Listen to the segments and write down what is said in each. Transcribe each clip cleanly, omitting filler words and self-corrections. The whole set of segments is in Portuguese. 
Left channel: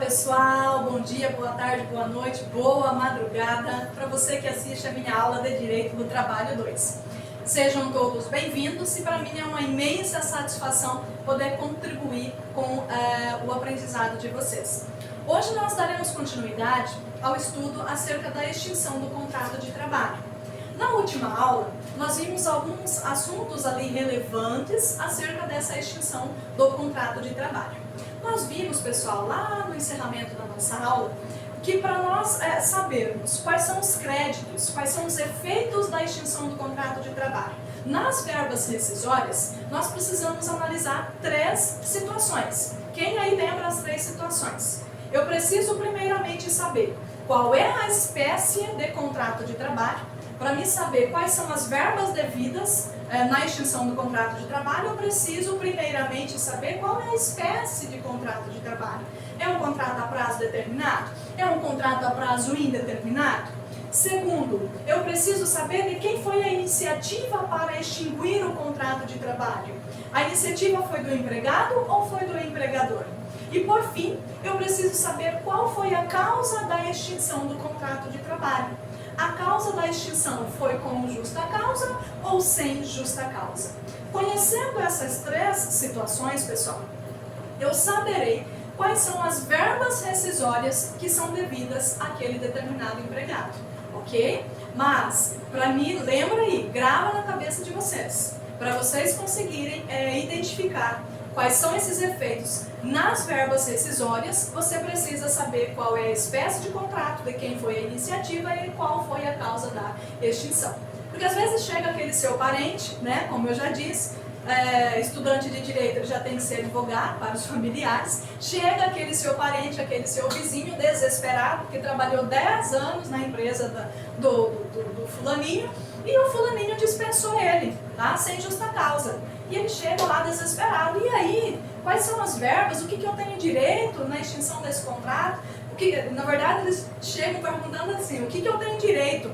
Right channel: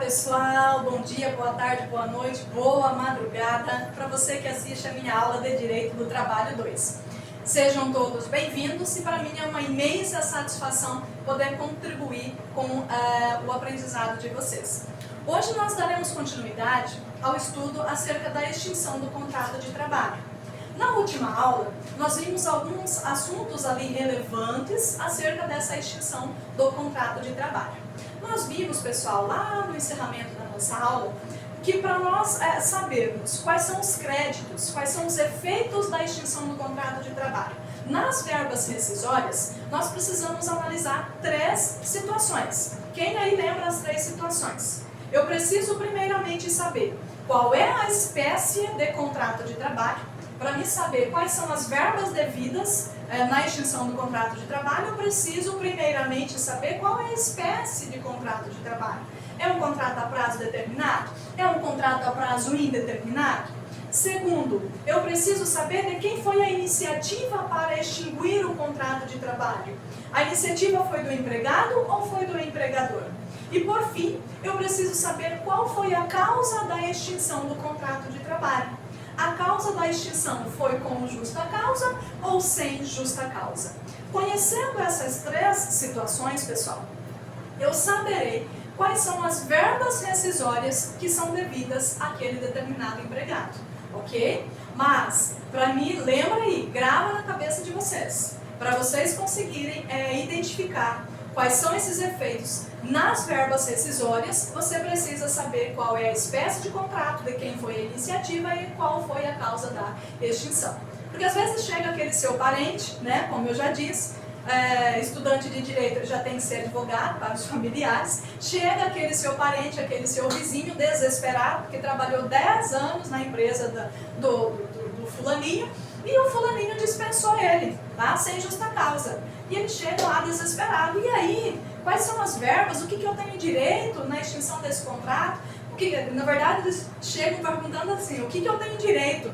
pessoal, bom dia, boa tarde, boa noite, boa madrugada para você que assiste a minha aula de Direito do Trabalho 2. Sejam todos bem-vindos e para mim é uma imensa satisfação poder contribuir com o aprendizado de vocês. Hoje nós daremos continuidade ao estudo acerca da extinção do contrato de trabalho. Na última aula, nós vimos alguns assuntos ali relevantes acerca dessa extinção do contrato de trabalho. Nós vimos, pessoal, lá no encerramento da nossa aula, que para nós sabermos quais são os créditos, quais são os efeitos da extinção do contrato de trabalho nas verbas rescisórias, nós precisamos analisar três situações. Quem aí lembra as três situações? Eu preciso primeiramente saber qual é a espécie de contrato de trabalho. Para mim saber quais são as verbas devidas na extinção do contrato de trabalho, eu preciso primeiramente saber qual é a espécie de contrato de trabalho. É um contrato a prazo determinado? É um contrato a prazo indeterminado? Segundo, eu preciso saber de quem foi a iniciativa para extinguir o contrato de trabalho. A iniciativa foi do empregado ou foi do empregador? E por fim, eu preciso saber qual foi a causa da extinção do contrato de trabalho. A causa da extinção foi com justa causa ou sem justa causa? Conhecendo essas três situações, pessoal, eu saberei quais são as verbas rescisórias que são devidas àquele determinado empregado, ok? Mas, para mim, lembra aí, grava na cabeça de vocês, para vocês conseguirem identificar quais são esses efeitos nas verbas rescisórias, você precisa saber qual é a espécie de contrato, de quem foi a iniciativa e qual foi a causa da extinção. Porque às vezes chega aquele seu parente, né, como eu já disse, estudante de direito ele já tem que ser advogado para os familiares, chega aquele seu parente, aquele seu vizinho desesperado, que trabalhou 10 anos na empresa do fulaninho, e o fulaninho dispensou ele, tá? Sem justa causa. E ele chega lá desesperado. E aí, quais são as verbas? O que eu tenho direito na extinção desse contrato? Na verdade, eles chegam perguntando assim, o que eu tenho direito?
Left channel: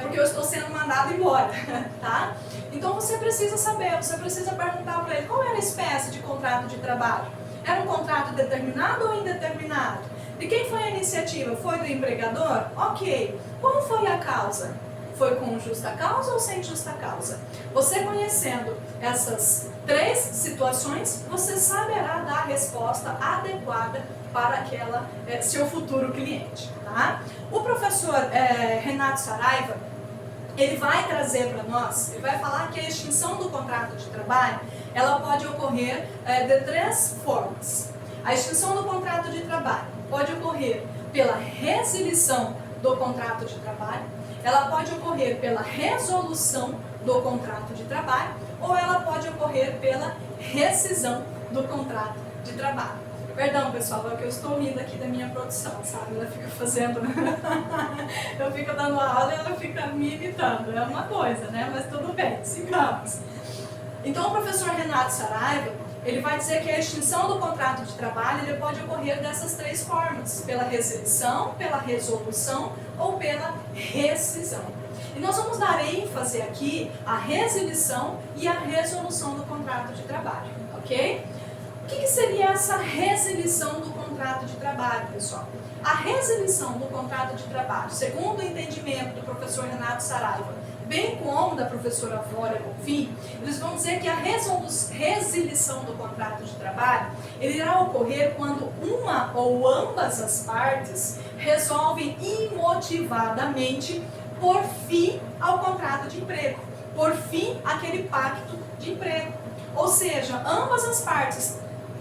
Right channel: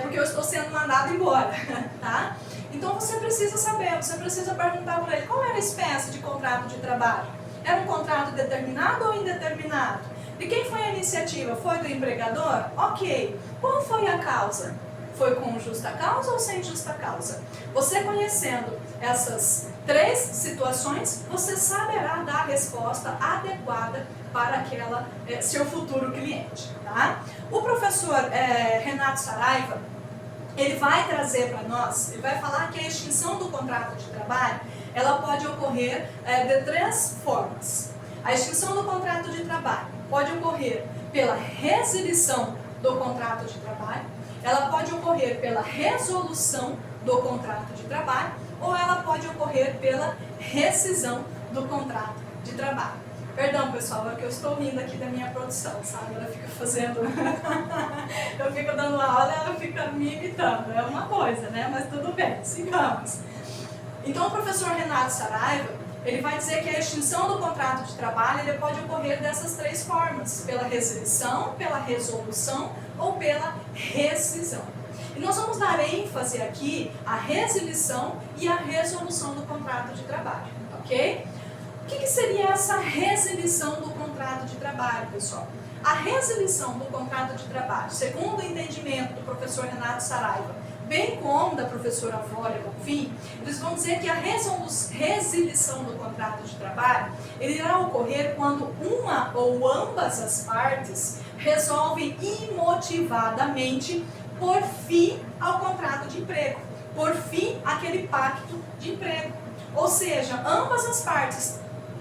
Porque eu estou sendo mandado embora, tá? Então você precisa saber, você precisa perguntar para ele qual era a espécie de contrato de trabalho. Era um contrato determinado ou indeterminado? De quem foi a iniciativa? Foi do empregador? Ok. Qual foi a causa? Foi com justa causa ou sem justa causa? Você conhecendo essas três situações, você saberá dar a resposta adequada para seu futuro cliente, tá? O professor Renato Saraiva, ele vai trazer para nós, ele vai falar que a extinção do contrato de trabalho, ela pode ocorrer de três formas. A extinção do contrato de trabalho pode ocorrer pela resilição do contrato de trabalho, ela pode ocorrer pela resolução do contrato de trabalho ou ela pode ocorrer pela rescisão do contrato de trabalho. Perdão, pessoal, é que eu estou rindo aqui da minha produção, sabe? Ela fica fazendo... eu fico dando aula e ela fica me imitando. É uma coisa, né? Mas tudo bem, sigamos. Então, o professor Renato Saraiva, ele vai dizer que a extinção do contrato de trabalho ele pode ocorrer dessas três formas, pela resilição, pela resolução ou pela rescisão. E nós vamos dar ênfase aqui à resilição e à resolução do contrato de trabalho, ok? O que seria essa resilição do contrato de trabalho, pessoal? A resilição do contrato de trabalho, segundo o entendimento do professor Renato Saraiva, bem como da professora Vólia Bonfim, eles vão dizer que a resilição do contrato de trabalho ele irá ocorrer quando uma ou ambas as partes resolvem imotivadamente por fim ao contrato de emprego, por fim àquele pacto de emprego. Ou seja, ambas as partes,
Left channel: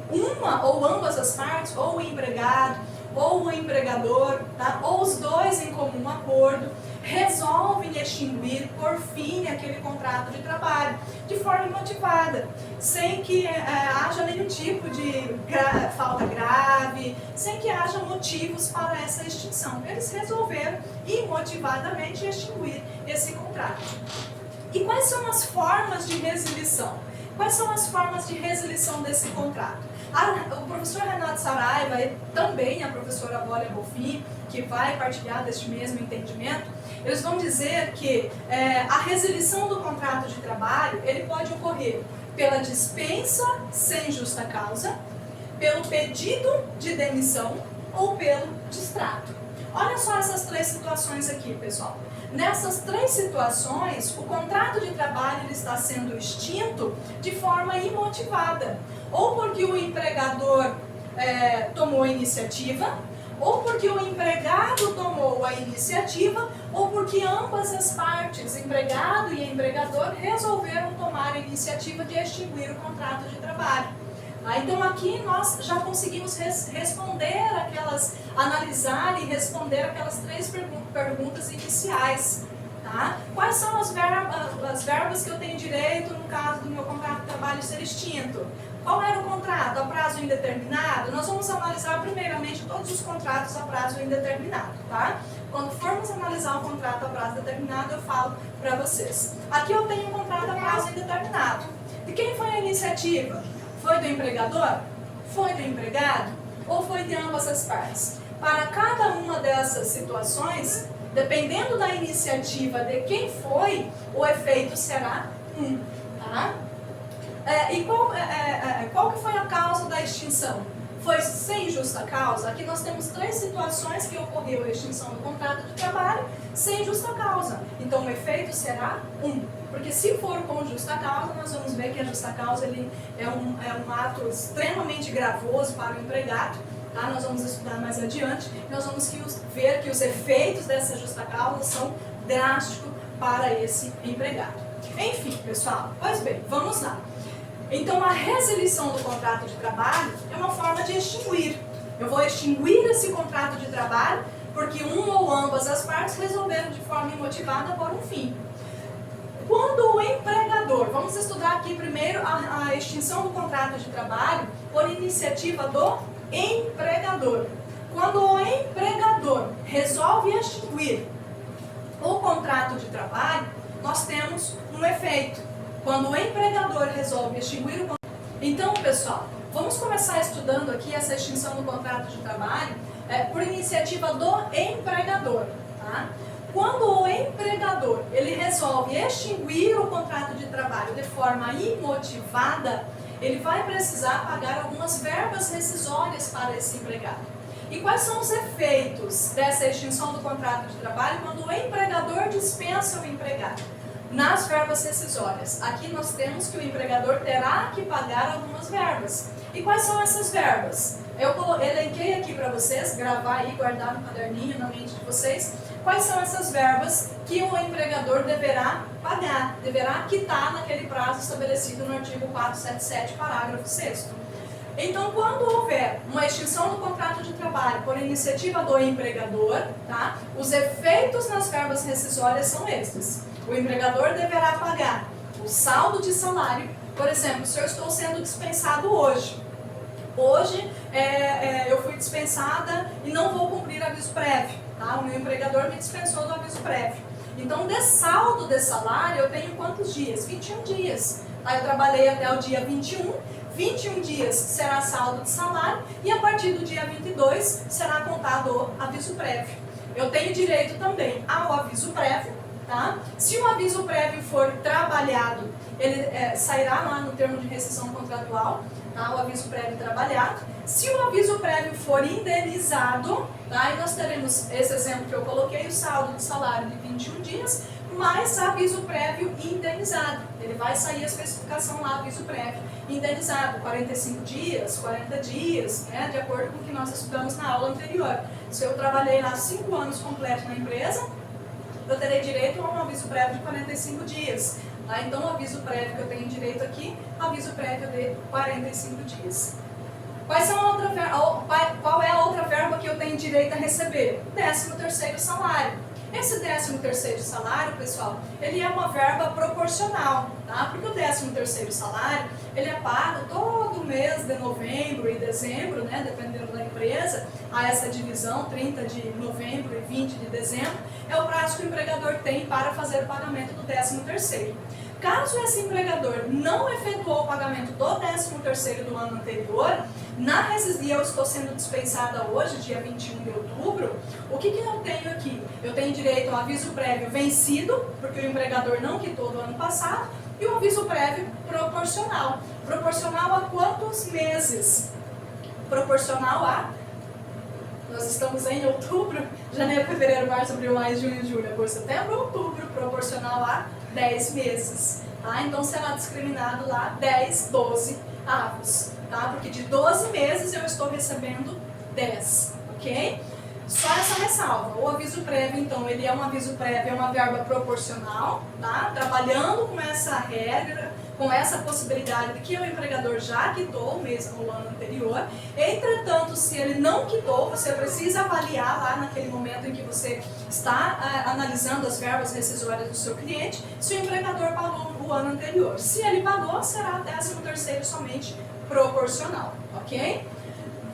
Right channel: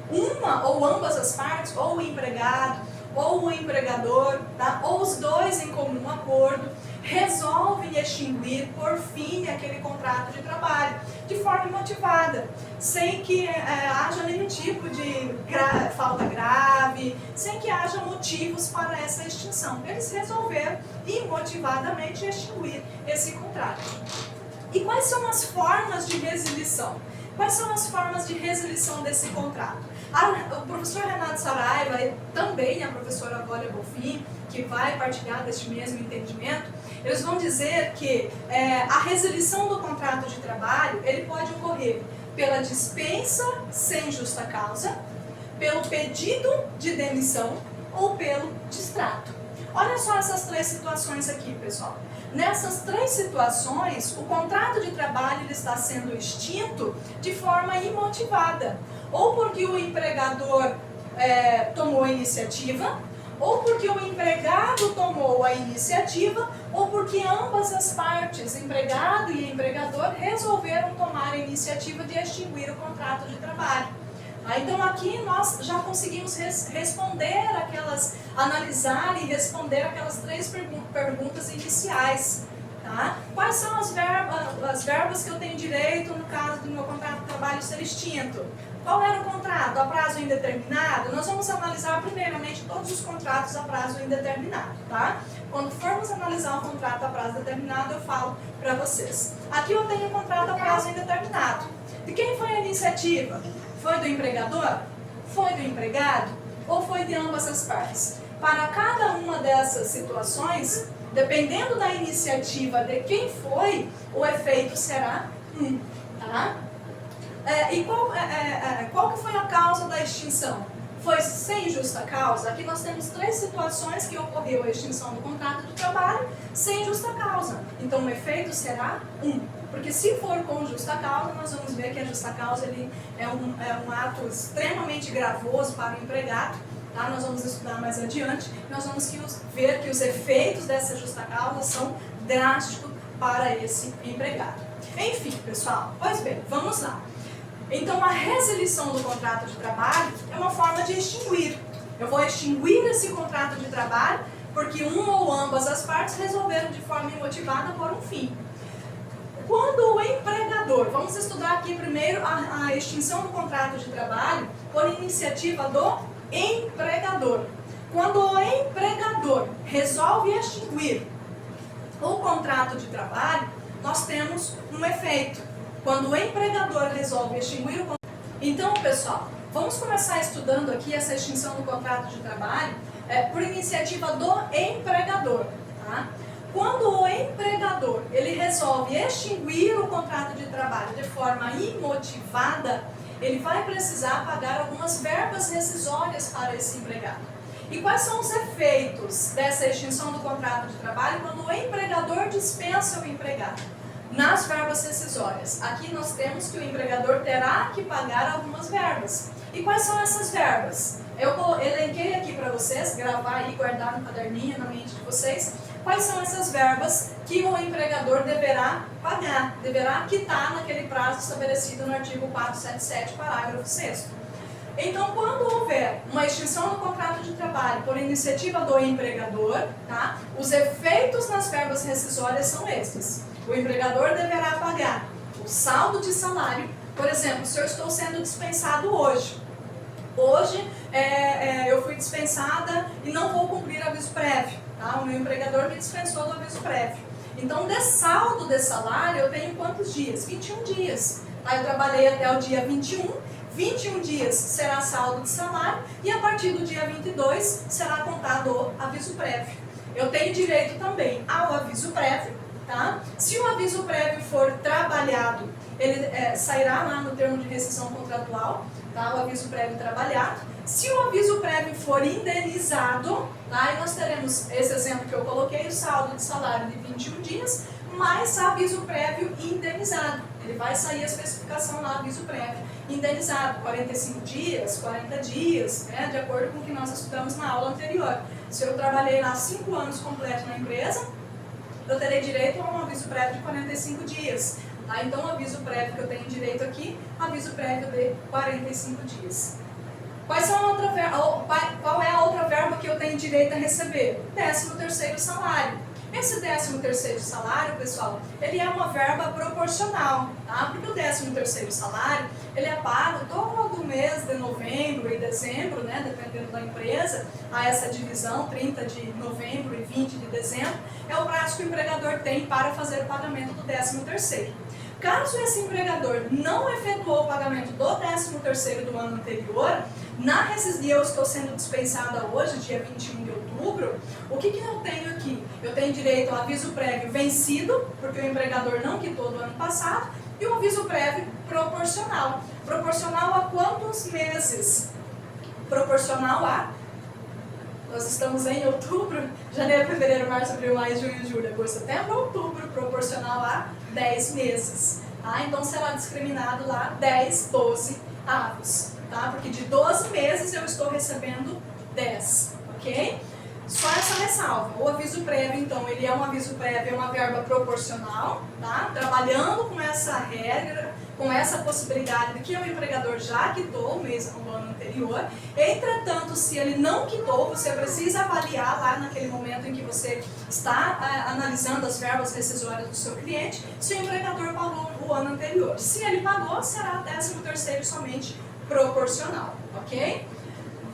uma ou ambas as partes, ou o empregado, ou o empregador, tá? Ou os dois em comum acordo, resolvem extinguir por fim aquele contrato de trabalho, de forma motivada, sem que haja nenhum tipo de falta grave, sem que haja motivos para essa extinção. Eles resolveram imotivadamente extinguir esse contrato. E quais são as formas de resilição? Quais são as formas de resilição desse contrato? O professor Renato Saraiva e também a professora Vólia Bonfim, que vai partilhar deste mesmo entendimento, eles vão dizer que a resilição do contrato de trabalho ele pode ocorrer pela dispensa sem justa causa, pelo pedido de demissão ou pelo distrato. Olha só essas três situações aqui, pessoal. Nessas três situações, o contrato de trabalho ele está sendo extinto de forma imotivada. Ou porque o empregador tomou a iniciativa, ou porque o empregado tomou a iniciativa, ou porque ambas as partes, empregado e empregador, resolveram tomar a iniciativa de extinguir o contrato de trabalho. Então aqui nós já conseguimos analisar e responder aquelas três perguntas iniciais. Tá? Quais são as verbas que eu tenho direito no caso do meu contrato de trabalho ser extinto? Qual era o contrato? A prazo indeterminado? Nós vamos analisar primeiramente todos os contratos a prazo indeterminado. Tá? Quando formos analisar um contrato a prazo determinado, eu falo para vocês. Aqui eu tenho um contrato a prazo indeterminado. De quem foi a iniciativa? Foi do empregador? Foi do empregado? Ou foi de ambas as partes? Para cada uma dessas situações, dependendo da iniciativa de quem foi, o efeito será 1. Tá? E qual que foi a causa da extinção? Foi sem justa causa? Aqui nós temos três situações que ocorreu a extinção do contrato de trabalho sem justa causa. Então o efeito será 1. Porque se for com justa causa, nós vamos ver que a justa causa ele é um ato extremamente gravoso para o empregado. Tá? Nós vamos estudar mais adiante. Nós vamos ver que os efeitos dessa justa causa são drásticos para esse empregado. Enfim, pessoal, pois bem, vamos lá. Então, a resilição do contrato de trabalho é uma forma de extinguir. Eu vou extinguir esse contrato de trabalho porque uma ou ambas as partes resolveram de forma imotivada pôr um fim. Quando o empregador, vamos estudar aqui primeiro a extinção do contrato de trabalho por iniciativa do empregador. Quando o empregador resolve extinguir o contrato de trabalho, nós temos um efeito. Quando o empregador resolve extinguir o contrato. Então, pessoal, vamos começar estudando aqui essa extinção do contrato de trabalho por iniciativa do empregador. Tá? Quando o empregador ele resolve extinguir o contrato de trabalho de forma imotivada, ele vai precisar pagar algumas verbas rescisórias para esse empregado. E quais são os efeitos dessa extinção do contrato de trabalho quando o empregador dispensa o empregado? Nas verbas rescisórias, aqui nós temos que o empregador terá que pagar algumas verbas. E quais são essas verbas? Eu elenquei aqui para vocês, gravar e guardar no caderninho, na mente de vocês. Quais são essas verbas que o empregador deverá pagar, deverá quitar naquele prazo estabelecido no artigo 477, parágrafo 6º. Então, quando houver uma extinção do contrato de trabalho por iniciativa do empregador, tá, os efeitos nas verbas rescisórias são estes. O empregador deverá pagar o saldo de salário. Por exemplo, se eu estou sendo dispensado hoje. Hoje eu fui dispensada e não vou cumprir aviso prévio. Tá? O meu empregador me dispensou do aviso prévio. Então, de saldo de salário, eu tenho quantos dias? 21 dias. Tá? Eu trabalhei até o dia 21. 21 dias será saldo de salário e a partir do dia 22 será contado o aviso prévio. Eu tenho direito também ao aviso prévio. Tá? Se o aviso prévio for trabalhado, ele sairá lá no termo de rescisão contratual, tá? O aviso prévio trabalhado. Se o aviso prévio for indenizado, tá? E nós teremos esse exemplo que eu coloquei, o saldo de salário de 21 dias, mais aviso prévio indenizado. Ele vai sair a especificação lá, aviso prévio indenizado, 45 dias, 40 dias, né? De acordo com o que nós estudamos na aula anterior. Se eu trabalhei lá 5 anos completos na empresa, eu terei direito a um aviso prévio de 45 dias. Tá? Então, o aviso prévio que eu tenho direito aqui, aviso prévio de 45 dias. Qual é a outra verba que eu tenho direito a receber? 13º salário. Esse 13º salário, pessoal, ele é uma verba proporcional, tá? Porque o 13º salário, ele é pago todo mês de novembro e dezembro, né? Dependendo da empresa, a essa divisão, 30 de novembro e 20 de dezembro, é o prazo que o empregador tem para fazer o pagamento do 13º. Caso esse empregador não efetuou o pagamento do 13º do ano anterior, e eu estou sendo dispensada hoje, dia 21 de outubro, o que eu tenho aqui? Eu tenho direito ao aviso prévio vencido, porque o empregador não quitou do ano passado, e o aviso prévio proporcional. Proporcional a quantos meses? Proporcional a nós estamos em outubro, janeiro, fevereiro, março, abril, maio, junho, julho, agosto, setembro, outubro, proporcional a 10 meses. Tá? Então será discriminado lá 10, 12 avos. Tá? Porque de 12 meses eu estou recebendo 10. Ok? Só essa ressalva. O aviso prévio, então, ele é um aviso prévio, é uma verba proporcional, tá? Trabalhando com essa regra, com essa possibilidade de que o empregador já quitou o ano anterior. Entretanto, se ele não quitou, você precisa avaliar lá naquele momento em que você está analisando as verbas rescisórias do seu cliente, se o empregador pagou o ano anterior. Se ele pagou, será 13º somente proporcional, ok?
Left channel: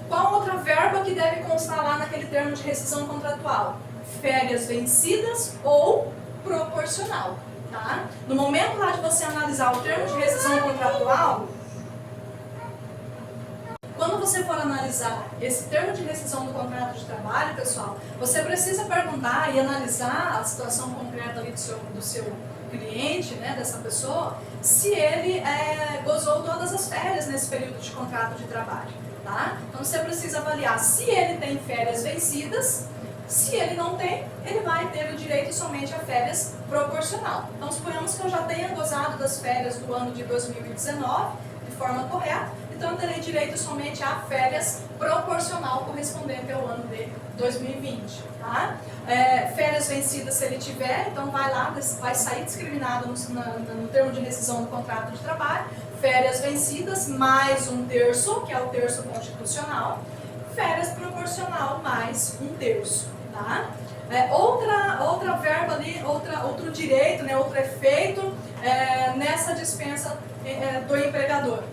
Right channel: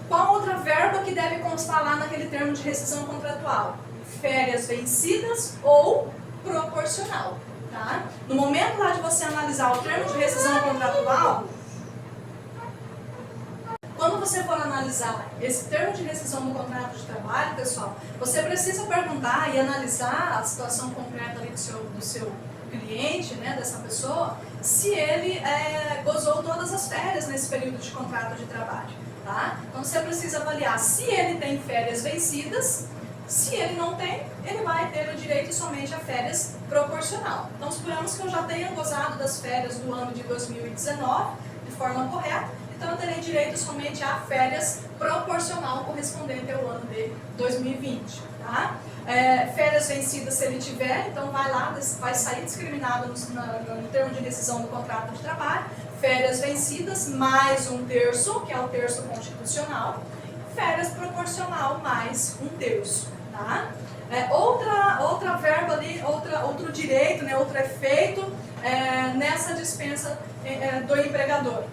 Qual outra verba que deve constar lá naquele termo de rescisão contratual? Férias vencidas ou proporcional, tá? No momento lá de você analisar o termo de rescisão contratual, quando você for analisar esse termo de rescisão do contrato de trabalho, pessoal, você precisa perguntar e analisar a situação concreta ali do seu cliente, né, dessa pessoa, se ele gozou todas as férias nesse período de contrato de trabalho. Tá? Então você precisa avaliar se ele tem férias vencidas. Se ele não tem, ele vai ter o direito somente a férias proporcional. Então suponhamos que eu já tenha gozado das férias do ano de 2019 de forma correta, então eu terei direito somente a férias proporcional correspondente ao ano de 2020. Tá? Férias vencidas se ele tiver, então vai sair discriminado no termo de rescisão do contrato de trabalho. Férias vencidas mais 1/3, que é o terço constitucional. Férias proporcional mais 1/3. Tá? Outra verba ali, outro direito, né, outro efeito nessa dispensa do empregador,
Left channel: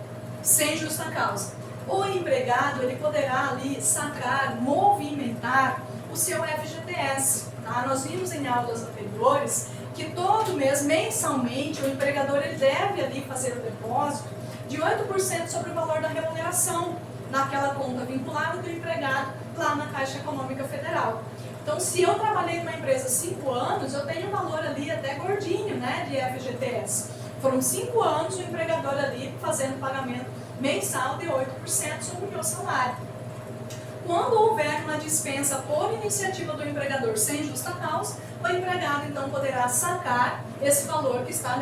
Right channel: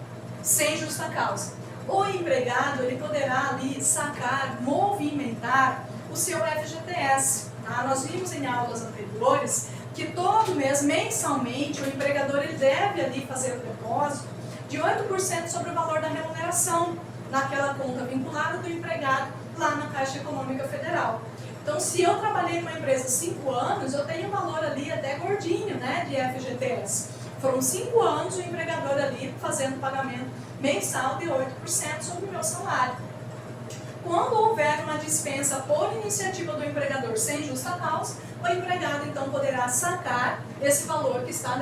sem justa causa. O empregado ele poderá ali sacar, movimentar o seu FGTS. Tá? Nós vimos em aulas anteriores que todo mês, mensalmente, o empregador ele deve ali fazer o depósito de 8% sobre o valor da remuneração naquela conta vinculada do empregado lá na Caixa Econômica Federal. Então, se eu trabalhei numa empresa 5 anos, eu tenho um valor ali até gordinho, né, de FGTS. Foram 5 anos o empregador ali fazendo pagamento mensal de 8% sobre o meu salário. Quando houver uma dispensa por iniciativa do empregador sem justa causa, o empregado então poderá sacar esse valor que está